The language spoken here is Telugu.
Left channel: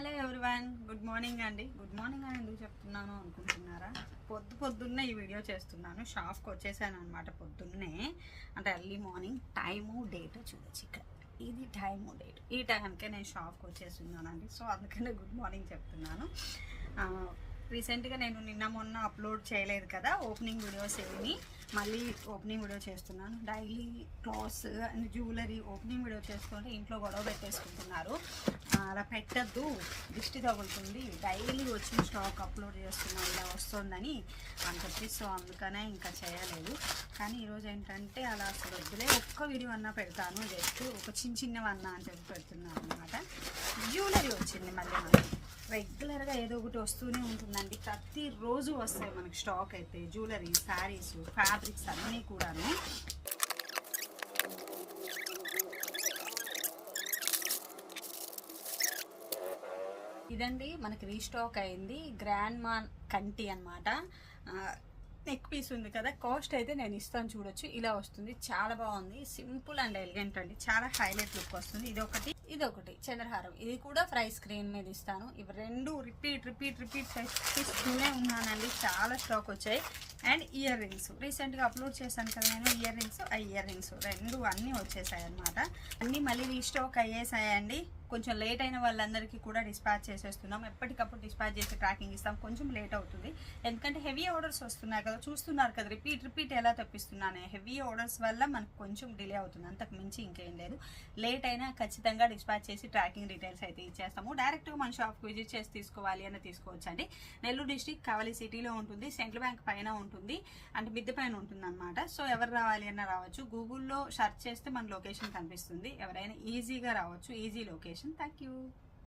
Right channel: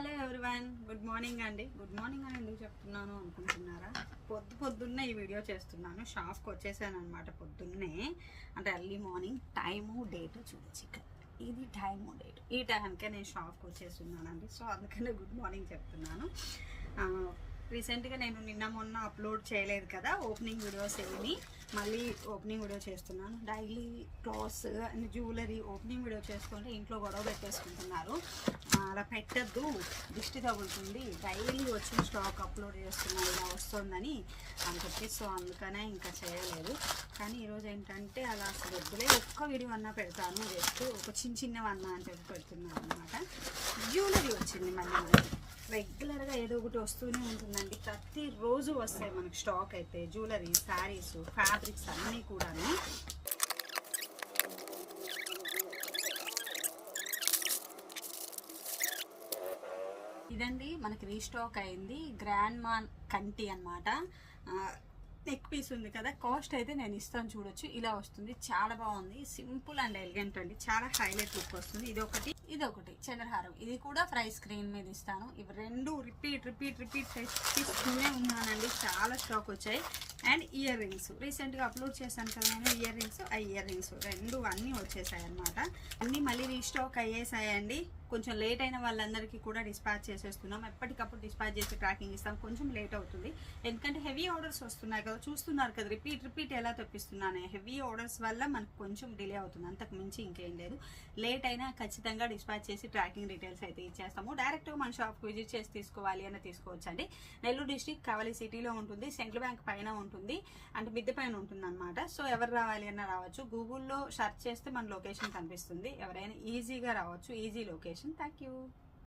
హలో ఎవ్రీవన్, గుడ్ మార్నింగ్ అండి. గుడ్ మార్నింగ్ అని ఎందుకు చెప్తున్నాను అనుకుంటున్నారా? పొద్దున్నే ఈ వీడియో చేస్తున్నాను. షాప్కి వచ్చేసాను అనమాట పొద్దున్నే. అంటే ఎర్లీ మార్నింగ్ టైము డేట్ చూడొచ్చు ఇక్కడ. ఇది టైము డేట్. ఈ టైంకే నేను షాప్కి వచ్చేస్తున్నానండి. సో అందుకనే గుడ్ మార్నింగ్ చెప్తున్నాను. రీసెంట్గా నేను నిన్న మొన్న అప్లోడ్ చేయలేదు కదా ఓపెనింగ్ వీడియోస్ ఏమి, మళ్ళీ ఓపెనింగ్ వీడియో చేస్తున్నాను. Daily clothes and jewellery opening video చేస్తుంటే ఇంట్లో గొడవ పెట్టేసుకుంటున్నారు. అలా పెట్టద్దు, దిష్టి తగులుతుంది, డైలీ వచ్చిన స్టాక్ అప్లోడ్ చేస్తున్నాను ఇలా వస్తుందని అని చెప్పి. సో అందుకనే ఇంకా చేయలేదు. కానీ ఈరోజు ఏంటంటే అలా అసలు వద్దులే, ఒక్క వీడియో అన్నా పెడతాను, జస్ట్ ఒక చిన్నవన్నా అని చెప్పి పెడుతున్నాను అనమాట. జ్యువెలరీ వచ్చింది మళ్ళీ మనకి రెగ్యులర్గా ఏదో ఒకటి వస్తూనే ఉంటుందండి. ప్రతిరోజు వస్తాయి మనకి స్టాక్ అయితే జ్యువెలరీ, శారీస్, ఫ్యాబ్రిక్స్ అన్నీ కూడాను. ఇదండి మనకి రీస్టాక్ అయింది. గ్రాండ్ మా కంటి అనమాట. నెక్ పీస్ ఉంది కదా, కాస్ట్ అయితే నేను ఇస్తాను చూడొచ్చు. ఇలా వస్తుంది, చాలా బాగుంది, సింపుల్ అండ్ ఎలిగెంట్ అండి, చాలా హైలైట్ లుక్ వస్తుంది. ఇదొకటి చంద్రహారం, ఇది కూడా ఫ్రై స్క్రీన్ మీద ఇస్తాను. ఇవి రెండు రిపీట్ తీసుకునే ఉన్నానండి, చాలా స్టాక్ వచ్చాయి. అండ్ ఇయర్ రింగ్స్ రీసెంట్గా అప్లోడ్ చేశాను కదా నేను, ఇయర్ రింగ్స్ రెండు అన్నీ వచ్చేసాయి అనమాట. అన్నీ మళ్ళీ రీస్టాక్ అయ్యేసాయండి. కొంచెం లేట్ అయిన వాళ్ళందరికీ కూడా డిస్పాచ్ చేసేస్తున్నాం. ఎప్పటికప్పుడు డిస్పాచ్ చేసి ట్రాకింగ్ ఇస్తాం. కొంచెం లేట్ అవుతుంది ఎందుకంటే హెవీ ఆర్డర్స్ వస్తున్నాయి కదా, చూస్తున్నారు కదా రిపీట్ ఎలా తెప్పిస్తున్నాను. హెవీ ఆర్డర్స్ వల్ల మనకు కొంచెం డిలే అవుతుంది, అంతకు మించి ఇంకేం లేదు. లేట్ అయినా ఖచ్చితంగా డిస్పాచ్ చేసి ట్రాకింగ్ డీటెయిల్స్ అయితే ఇచ్చేస్తాము. డైరెక్ట్గా మన షాప్కి విజిట్ చేసి తీసుకోవాలి అని తీసుకోవచ్చండి. నెల్లూరు డిస్ట్రిక్ట్ కావలి సిటీలో ఉంటుంది, సెంట్రల్ బ్యాంక్ పైన ఉంటుంది, అంటే మిద్దె పైన ఉంటుంది అనమాట. సో ఎవరు రావాలి అన్న రావచ్చు. గూగుల్లో సెర్చ్ చేస్తే మన లొకేషన్ కనిపిస్తుంది. ఎవరైనా ఈజీగా రావచ్చు, ఈజీ లొకేషన్. Thank you.